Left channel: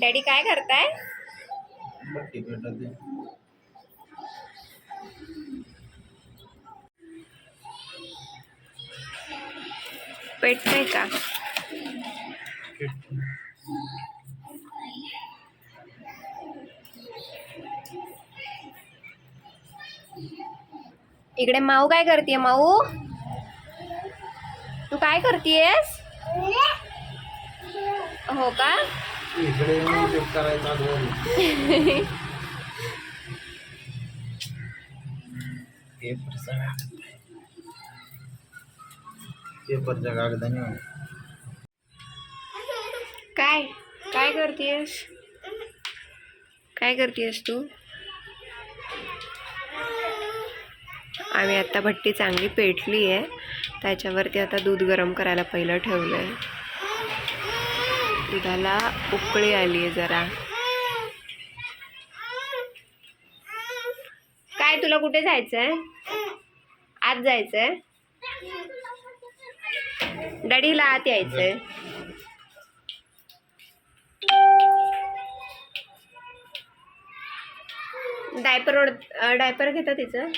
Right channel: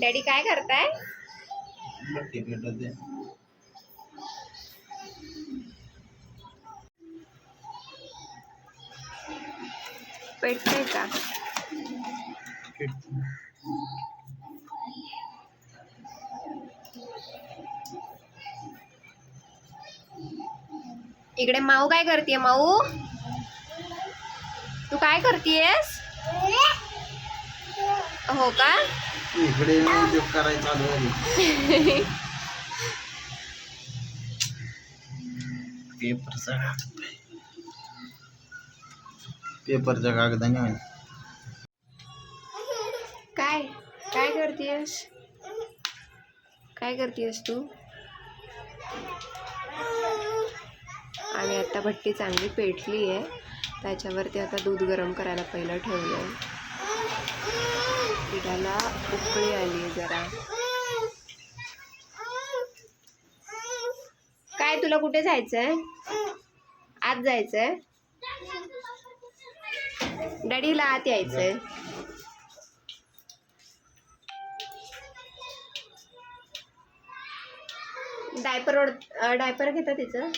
Daddy काय करताय? भट्टी पेटत आहे. पेटतंय का? इकडे माऊ काय करतेय? माऊ तू काय करतेयस? हो का? इकडे येऊन ते करायचा दोन पेपरच्या कागदाने काय काय करतेयस? काय करतेयस तू? आम्ही आता भट्टी चांगली पेटली आहे, त्याच्यावरती आता दूध गरम करायला पहिलं ठेवलंय. दुधाला उकळी आली आहे जरा. काय तुला कुठे जायचंय? आत जायचंय? डॅडीला आत यायचंय. डायपर घेता तिचं.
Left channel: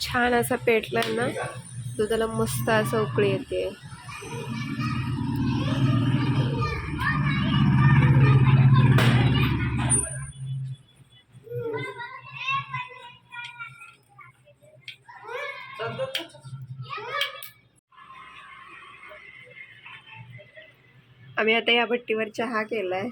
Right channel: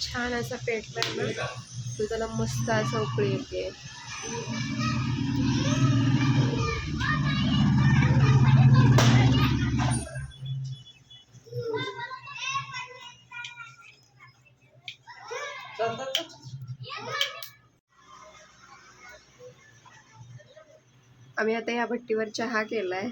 छान असा पेटलाय ना, दुधाला मस्त असं उकळी येते. आम्ही आता या भट्टीवर चहा केलाय.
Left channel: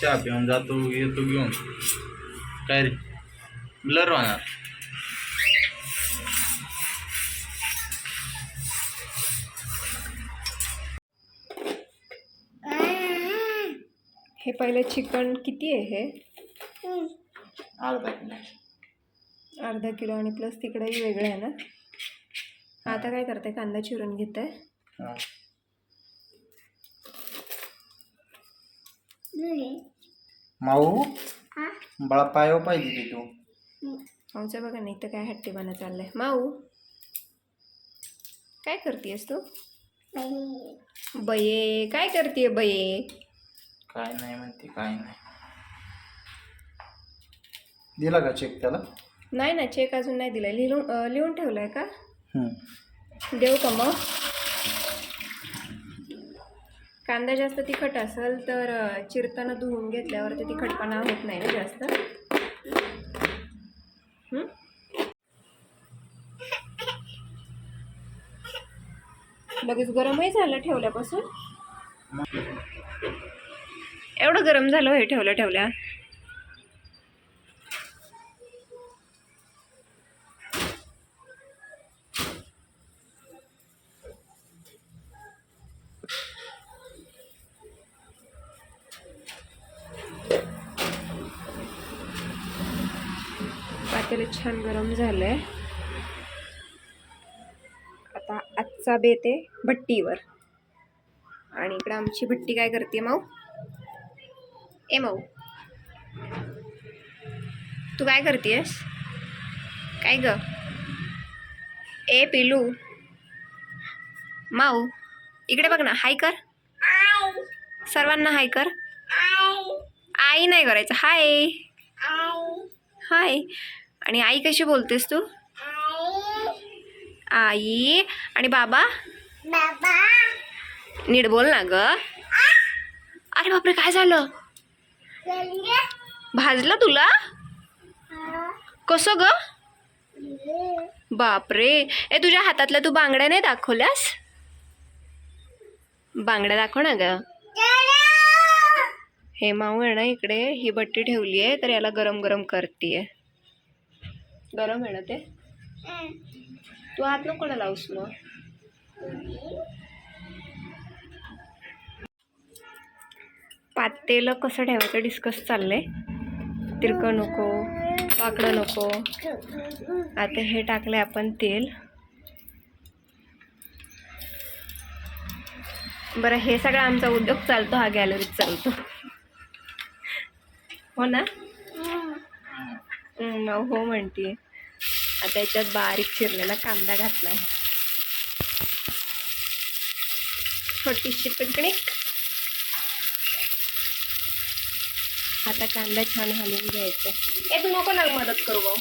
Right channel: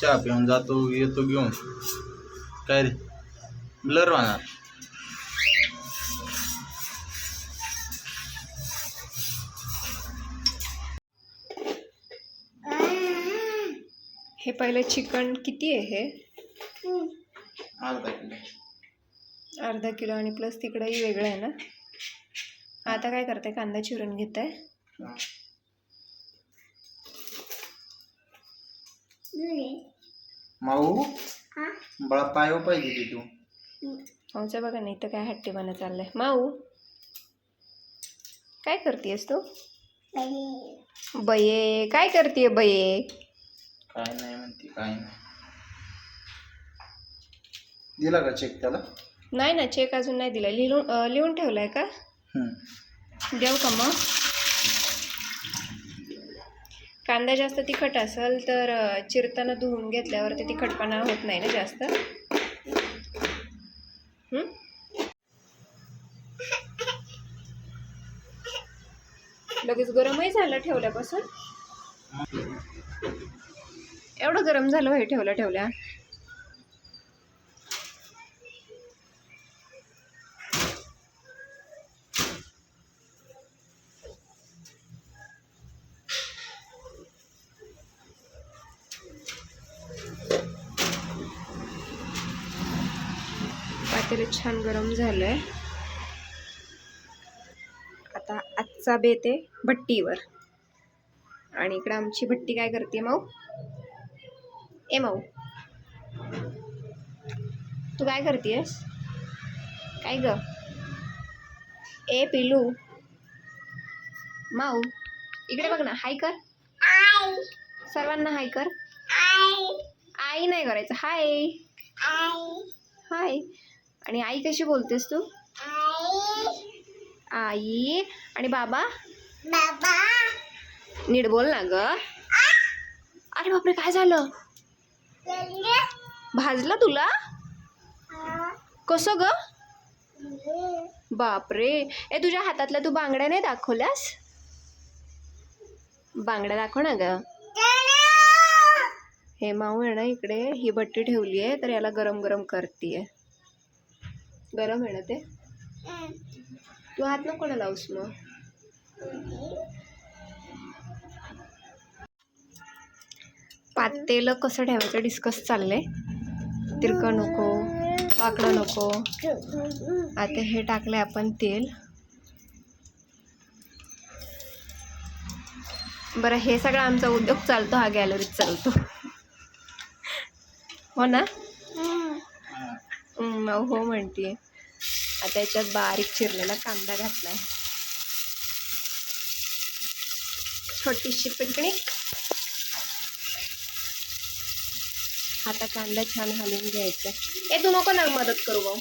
चहा पिऊन जातो येतो घेऊन. काय रे ब्लर होणार. हे पहिलं चिकन किती आहे? हे अर्धा किलो आणि प्लस तिकडेही वेगळं आहे ना. आता काय करते? कांदा चिरून घेते. माऊ बळा पाय पाहिजे की तू. आमचं बघा नाही तर काय हट्टीपणा चाललंय. माऊ काय करतेस तू? बये काय करते बये? काय नाही म्हणते, काय नाही. दिला का चेक त्याला? नाही ना, चेक अजून नाही दिलाय. लिहून ठेवलाय का? देऊ का मग? कांदा जास्त तिखट असेल तर चिरताना धुवून घेतल्यावर ते तिखटपणा होत नाही ना जास्त. लगेच गरमही झालं ठेवल्यापासून. एवढं गरम झालं हे ठेवल्या. पातेलं छान गरम झालंय. आता आजचा बेत आहे भट्टीवर. आणि इकडे आमची भट्टी काय करते? माऊ ए माऊ तू काय करतेस? काय ग? ए पिलू माऊ इकडे बघ ना. हाय कर सर्वांना. हाय कर. आई नाही करायचं. हाय हाय. आणि आई कशी बोलतेस तू? आई. आणि बाबा नीट बोल ना ग. अरे बापरे, काय झालं? भाजलं तुला? कसं ग? बापरे. ए तुझ्या हातातल्या तू बांगड्या नाही दाखवल्यास? बांगड्या दाखव ना ग. हे माऊ आहे ना, इकडे ही भट्टी ठेवली आहे तर याला गरम गरम करतीये. गरम आहे ना ते. तू हात नको ना लावूस मग. पातेलं कसं ठेवायचं डिस्कस चाललंय. तिरकं नको, वाकडं नको. आता हे टाकले आपण तेल. बरं, हे सगळं आमचा उद्योग चालतो, हा गॅलरीत चालतो. हो ना? हो म्हणतीये. आता याच्यात बारीक चिरलेला कांदा घातलाय, छोटीशी पिकनिक. आता कांदा छान हलवून घ्यायचा. तू नको ना मदत करू भाऊ,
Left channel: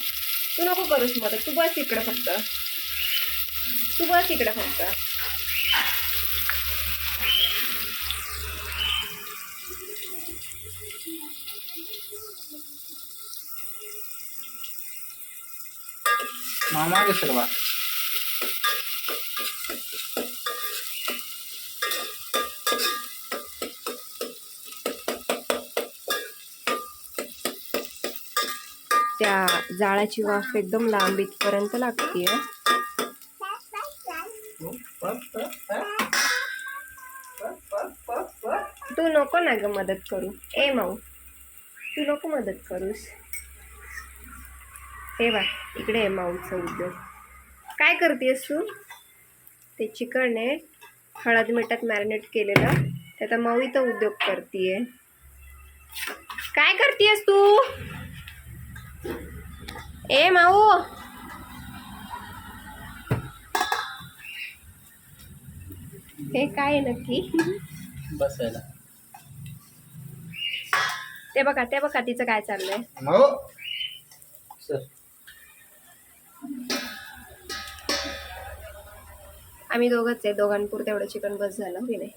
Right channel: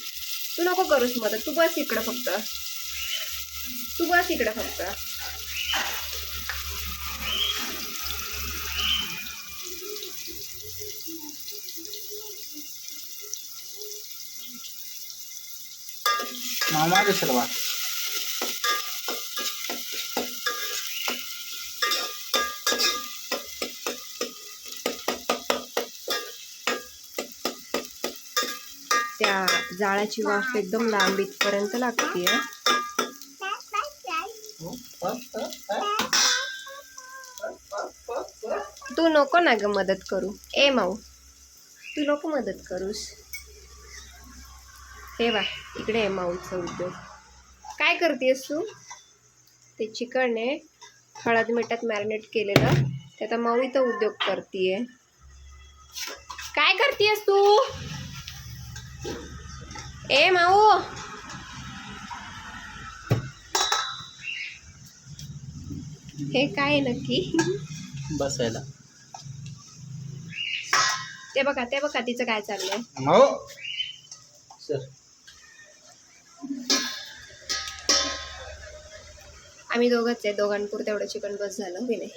तू नको करूस मदत. तू बस इकडं फक्त, तू बस इकडं फक्त. मामा के सर्वा त्या जाळाची वाफ एकदम लांब इथपर्यंत लागतीये. तू नको ना ग मदत करू. ए माऊ, तू नको मदत करूस. हे बघ, इकडे आहे माऊचा उद्योग. काय करतेस तू? ते चिकन आहे हळद मिठात मॅरिनेट केलेलं, त्याचा माऊ इथं उद्योग करतीये. काय करतेस तू? ए माऊ, हे काय आहे नक्की? बसायला. ते बघा तिचं काय चाललंय. हो सर, आम्ही दोघंच आहे, दोघांपुरतं एवढं चिकन बस झालं की नाही.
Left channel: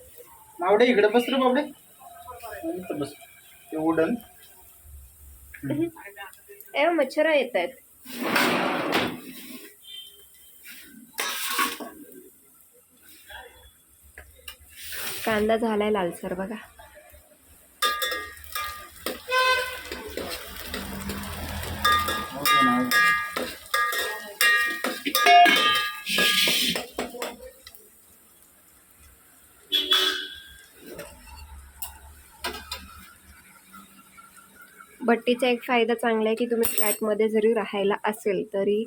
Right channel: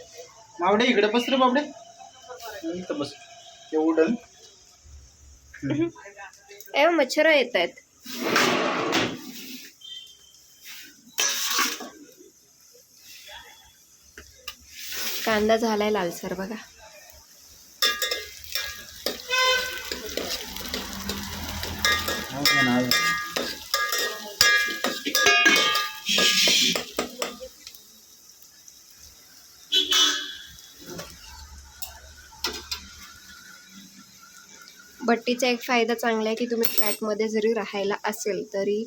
मावडे इकडे बस रे बाबडे. इकडे बस. ते उडन. ए मच्छर येत आहेत. कांदा झालाय लालसर बघा. भट्टीचा एक फायदा चांगला आहे की तुम्ही फ्लॅटमध्ये जरी राहायला असेल तरी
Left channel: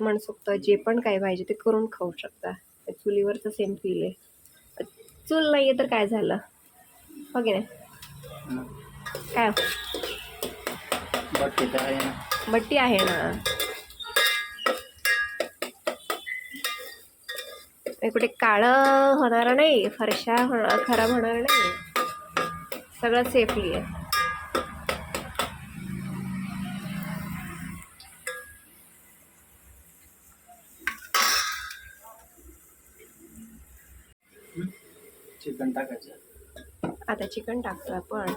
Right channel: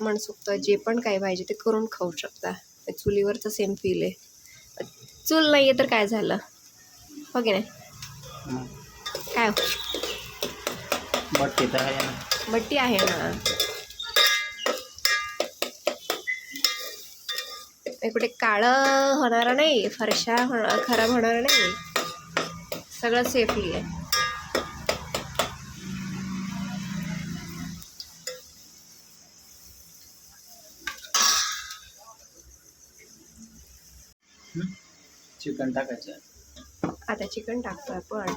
मनसोक्त जे पण काय पाहिजे ते करून खाऊ शकता. चुलीवरचं सेम फील आहे. चूल नाही आहे तर काय झालं, हो की नाही? काय भट्टी आहे ना. कुठे काळं होणार नाही, फरशा खराब होणार नाही, सगळं सेफली आहे. चिकन टाकायचं. आता चिकन टाकतो आपण.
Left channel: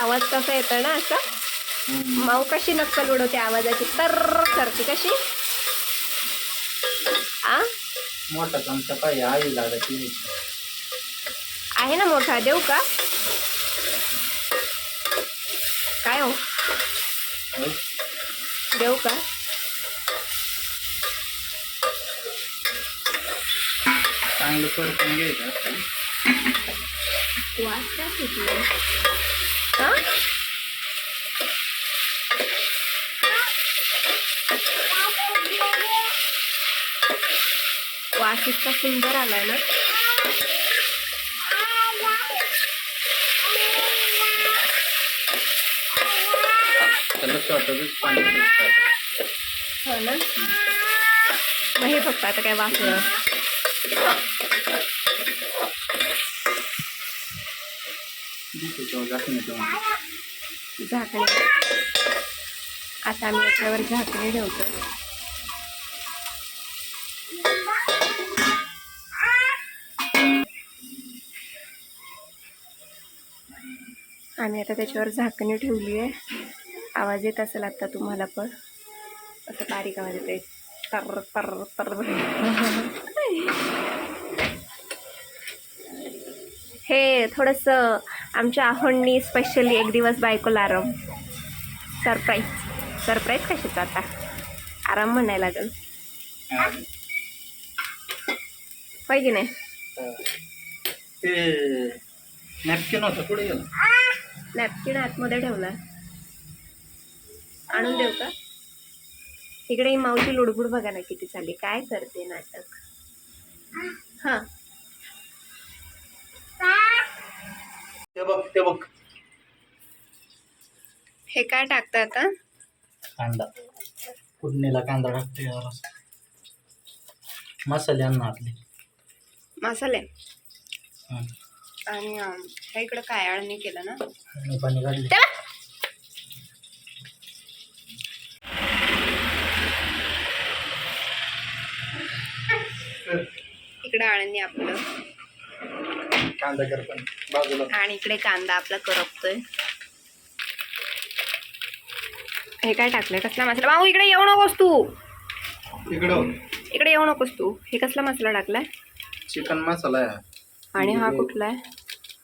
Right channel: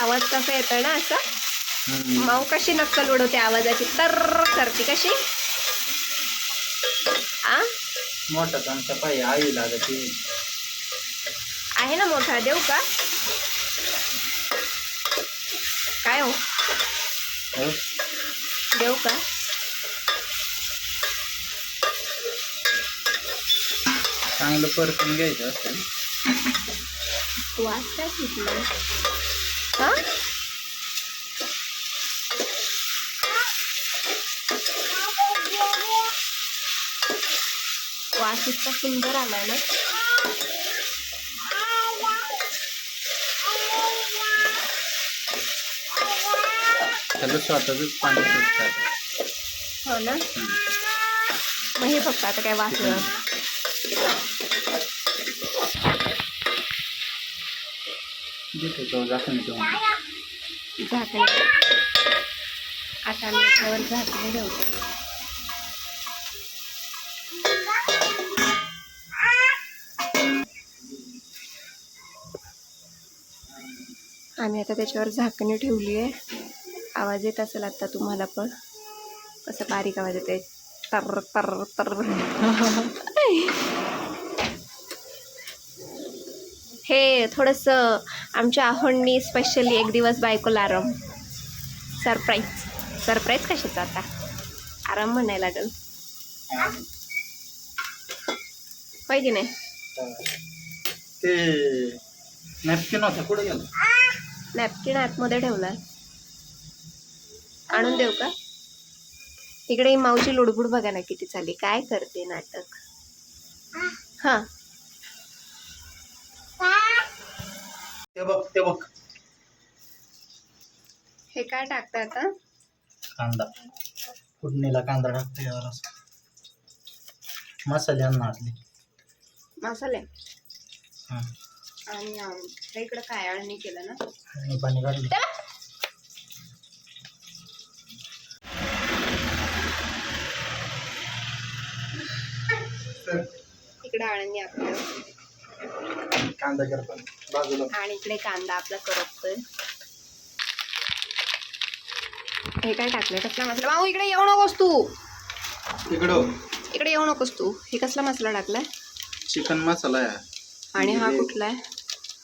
आवाज कसा येतो ना असा. माऊ कशी नक्कल उडवते आवाजाची, तर करते कशी. आ मोठा चमचा पाहिजे, आई लागत आहे ना मोठा, देऊ का? काय हो, देऊ का? चांगलं परतून घ्यायचं. वास काय सुटलं? हा वास इतका सुंदर आलाय ना. त्याला स्वतःच पाणी हो ना. मग हे फक्त आता काय वास झाकणे. आता आम्ही याच्यावर झाकणे ठेवतो. आम्ही आता त्याच्यावर झाकणे ठेवली आहे. आवाज येत असेल आता तुम्हाला पण, असं बारीक आवाज येते, तर तर तर. हे थोडंसं आमच्या आहोंनी स्पेशली एक दिवस बायकोला आराम, सरप्राईज कशाचा आता, आराम म्हणायला लागेल, होय की नाही? ते नॅपकिन होतं पुढे गेलं. नॅपकिन आतमध्ये ठेवला. आणून देऊ का? इकडे ही मावशी लुडबुड बघा ना किती चालली. काय करते नाटक. हा ते बघ हे काय टाकतं आता? कांदा. फोडणीला कांदा टाकते यार. मसाले आण ना आपले. मसाले हं. आणि हे इकडं काय आळणी केलं ना. आणि पाणी काढले. इकडे आळणी आपलं कांदा कर पण बाजूला. आणि इकडे कांदा आपला करपतोय. हे काय टाकलंय? कसला मसाला? भाऊ इकडे येऊ नकोस तू. इकडं इकडे येऊ नकोस तू. हे कसला मसाला टाकलाय? चिकन मसाला आहे. आणि हा कुठला आहे?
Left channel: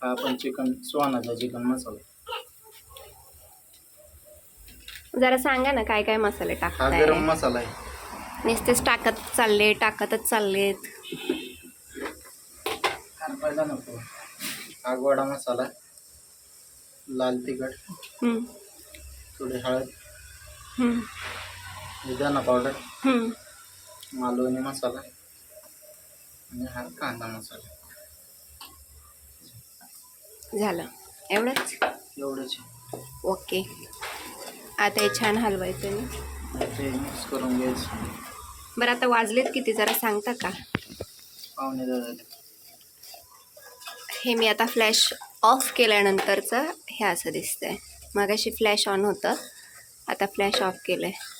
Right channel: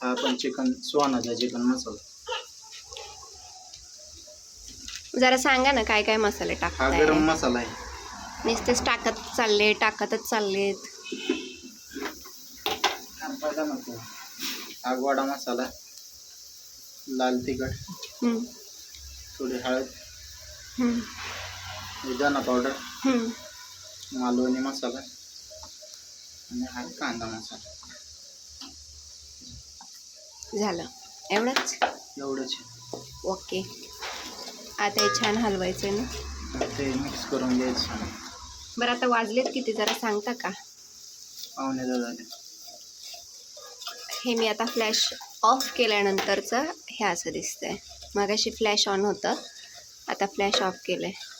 हा पण चिकन सुहानाचा चिकन मसाला. जरा सांगा ना काय काय मसाले हा टाकताय. गरम मसाला आहे. नुसतेच टाकतच चाललेत. पहिला नको. हा गोडा मसाला, लाल तिखट, हम्म, थोडी हळद, हम्म, धना पावडर, हम्म. मालवणी मसाला आणि हा कांदा मसाला. झालं एवढंच. एवढंच. ओके. आता हे छान हलवायचं ना. ते मिक्स करून घ्यायचं. बरं आता वाजलेत किती जरा सांगता का? पावणे 10. हे मी आता फ्लॅश ऑफ केल्यानंतरचं हे असं दिसतंय. मगाशी फ्लॅश ऑन होतं, आता फ्लॅश ऑफ केलं आहे.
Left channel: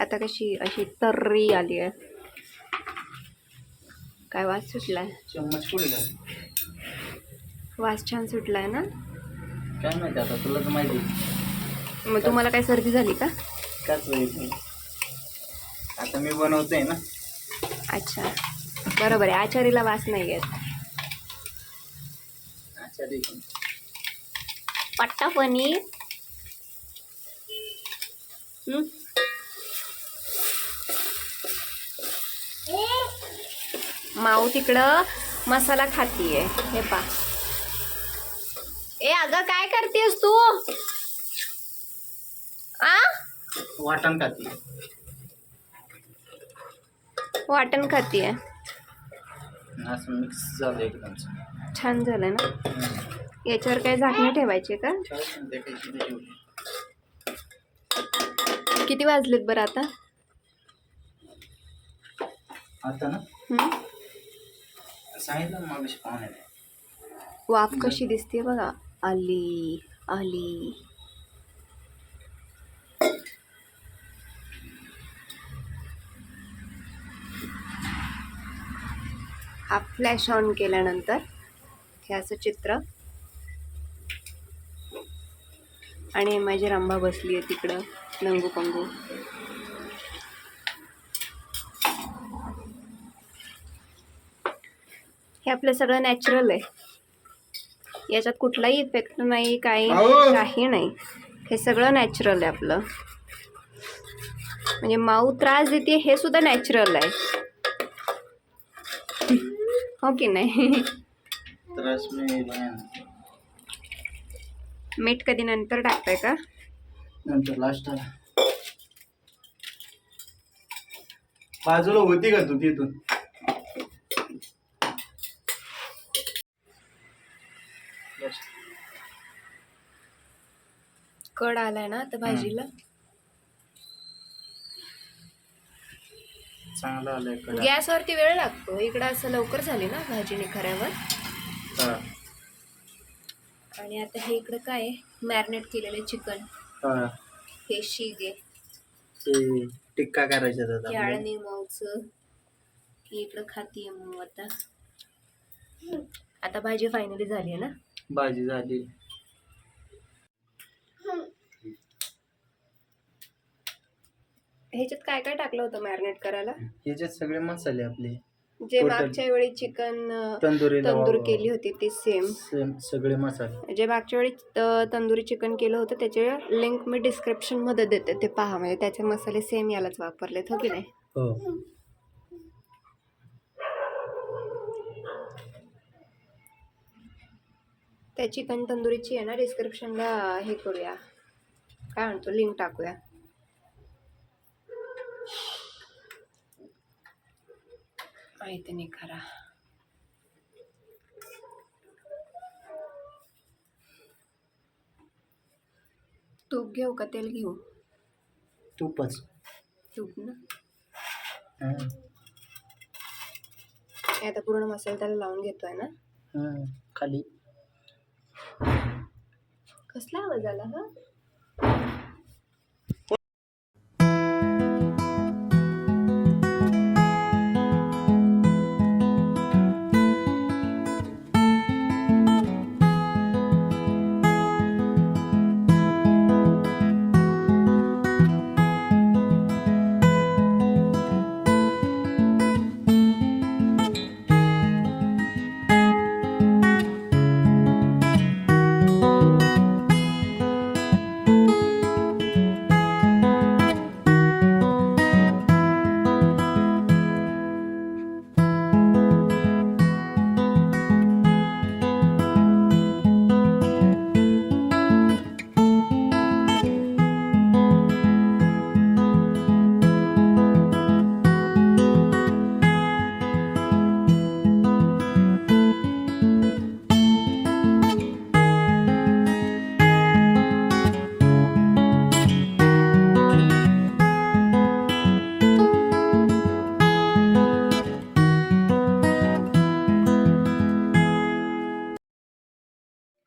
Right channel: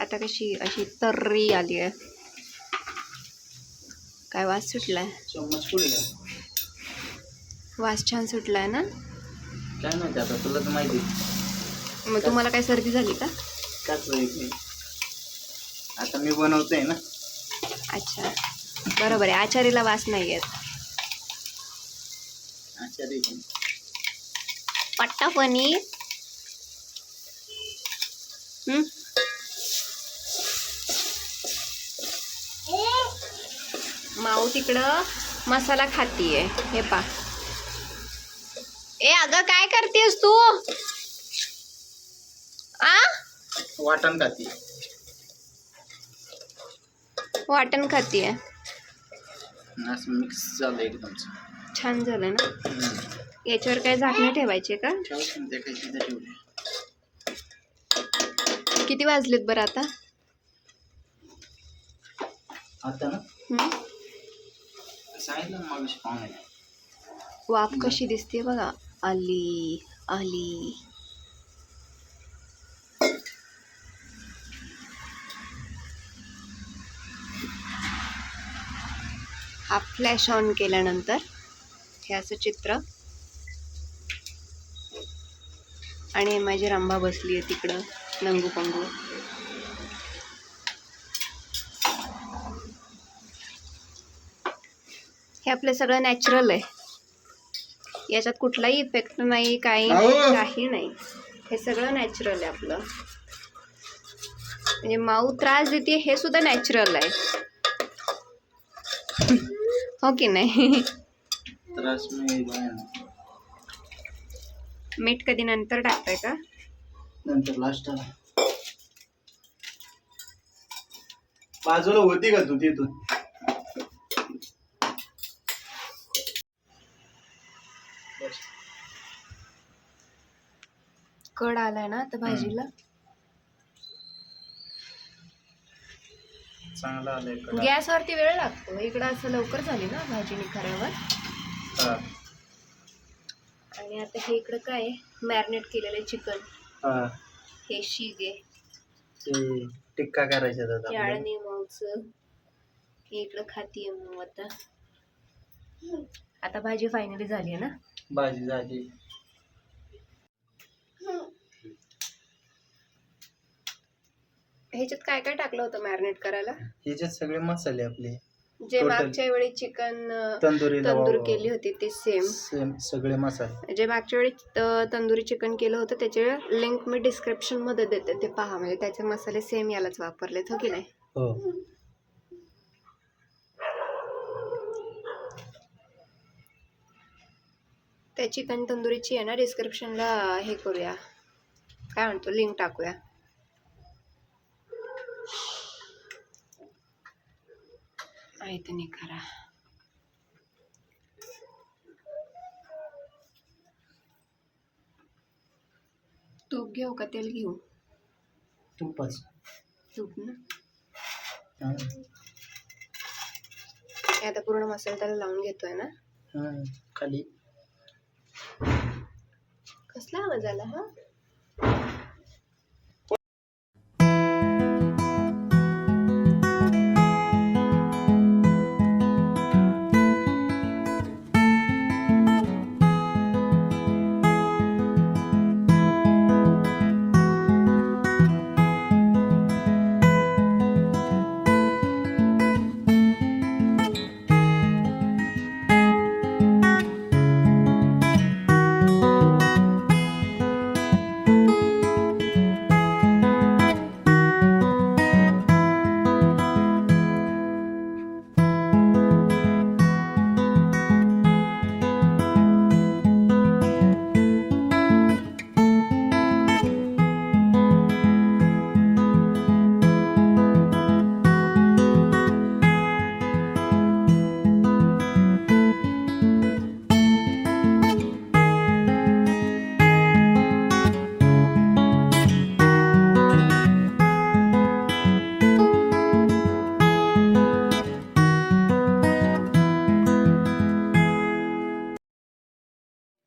आता कशी अशी तर्री आली आहे. काय वास सुटलाय? चम्मच पुढे घाल. वास छान सुटलाय ना. काय माहिती आता तुलाच माहिती. मग तुम्हाला काय सर्दी झाली का? काच नाही. आता मी बनवतोय ना. अच्छा बरोबर आहे. आचारीला वास नाही येत. अच्छा ठीक आहे. पट्टा पनीर. माऊ तिकडं मसाला खातीये. हे पा. ए अगं काय करतेस तू? आ वाटण खाती. वाटण खातीये. असं मिक्स झालं एकदम. छान झालं ना. याच्यावर काय झाकणी ठेवायची का? किती वाजलेत बरं आता? आता ना हम्म? सांगितलं मग पाहुणे. वाफ कशी दिसते बघा. आली आली. हा फ्लॅश ऑन केल्यानंतर हे असं चित्र. आणि माझी रंभा बसली आहे तिकडं लंगू पंगू. हे आपलं सगळं नॅचरल आहे. याच्यात कुठलाही इफेक्ट नाही, काही नाही. हे सगळं नॅचरल आहे आपलं. म्हणजे माऊ त्रास देते हे सुद्धा नॅचरल आहे. हो की नाही? त्रास मीठ कधी नंतर टाकताय का? नंतर लास्ट बाजूला होती का तू तिथून? कड आलाय ना आता भाजीला. चांगला आलाय. गॅसवरती वेळ लागतो. इकडं असं लवकर झाली ना भाजी निखाऱ्यावर. आणि आता हे इकडं काय मॅरिनेट केलेले चिकन. हे शिगे ते टिक्का करायचा. आळणी माऊचं ही इकडं खातीये मग. आता भाजी फायनली झाली आहे ना. भाजी झाली. ह्याच्यात काय काय टाकलं होतं मॅरिनेट करायला? ह्याच्यात सगळे मसाले आपले जे मागच्या वेळी चिकन तंदूर केली होती ती सेम सगळे मसाले. जे मागच्या वेळी तंदुरी चिकन केलं होतं त्याचे लिंक मी डिस्क्रिप्शन मध्ये देते. ते पहा. म्हणजे त्याचे मसाले सेम यालाच वापरलेत. हो की नाही? हो. त्या चिकन तंदुरीची आहे ना डिस्क्रिप्शनला हे करूया, काय म्हणतो, लिंक टाकूया. माहिती नाही खरा. तूप घेऊ का तेल घेऊ? तूपच. तूप ना. हं. हे आता पूर्ण मसाला त्याला लावून घेतोय ना. खाली कसला आवाज आला हा?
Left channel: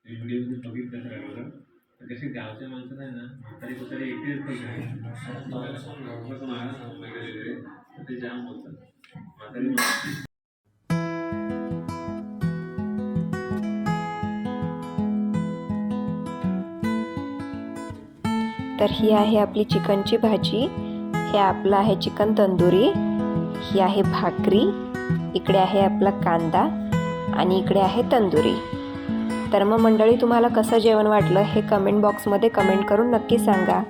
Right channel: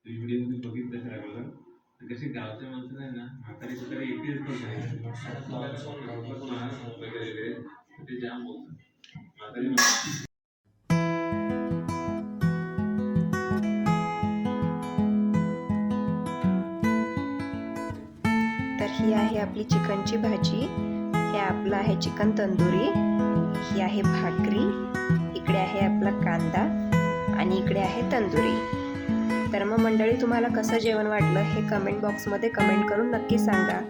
व्हिडिओ बघितलं सगळं तर कसे गावच्या माणसाला आहे ना म्हातारी कुतारी एकटेच ते जाम बोलतात म्हातारी. तर ही आहे आपली चिकनची भाजी, हे आपलं आहे चिकन तंदुरी, ही आहे भाकरी, इकडे आहे आपला कांदा आणि इकडे आहे तंदुरी. तर मग मंडळी, तुम्हाला कसं जेवण वाटलं हे कमेंट बॉक्समध्ये कमेंट करून नक्की सांगा.